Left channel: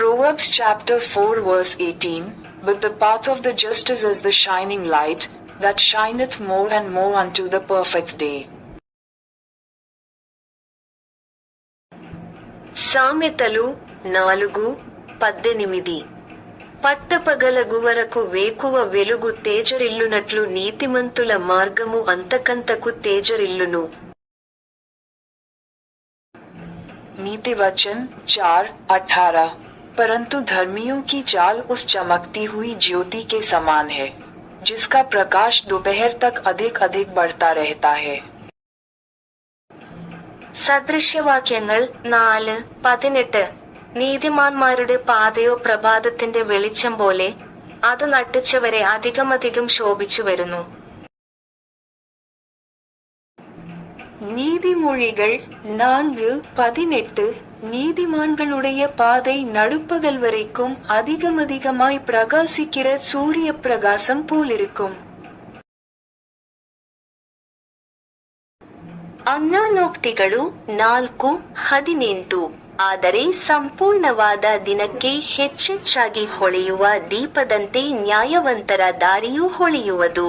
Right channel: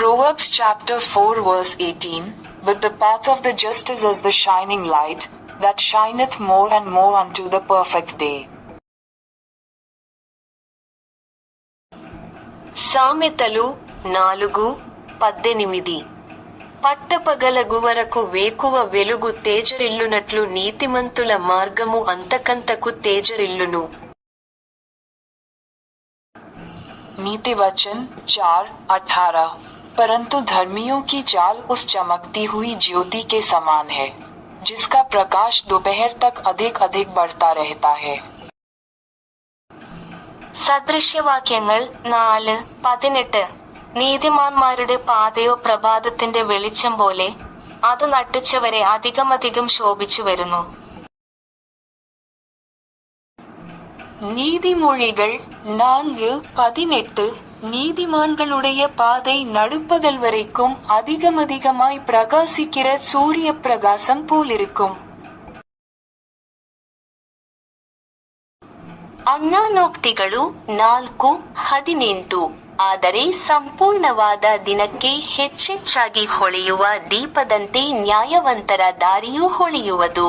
Proverbs chapter 4 verse 18, But the path of the just is as the shining light, that shineth more and more unto the perfect day. సామెతలు 4:18 పట్టపగలగు వరకు వేకువ వెలుగు తేజరిల్లునట్లు నీతిమంతుల మార్గము అంతకంతకు తేజరిల్లును. नीति वचन 4:18, परंतु धर्मियों की चाल उस चमकती हुई ज्योति के समान है, जिसका प्रकाश दोपहर तक अधिक अधिक बढ़ता रहता है. സദൃശ്യവാക്യങ്ങൾ 4:18 നീതിമാന്മാരുടെ പാതയോ പ്രഭാതത്തിന്റെ വെളിച്ചം പോലെ, അത് നട്ടുച്ചവരെ അധികമധികം ശോഭിച്ചു വരുന്നു. நீதிமொழிகள் 4:18 நீதிமான்களுடைய பாதை நடுப்பகல் வரைக்கும் அதிகமதிகமாய் பிரகாசிக்கிற சூரிய பிரகாசம் போலிருக்கும். ಅಜ್ಞಾನೋಕ್ತಿಗಳು 4:18 ಆದರೆ ಸಂಪೂರ್ಣವಾದ ದಿನಕ್ಕೆ ಹೆಚ್ಚೆಚ್ಚಾಗಿ ಹೊಳೆಯುವ ದೀಪದಂತೆ ನ್ಯಾಯವಂತರ ದಾರಿಯೂ ಹೊಳೆಯುವುದು.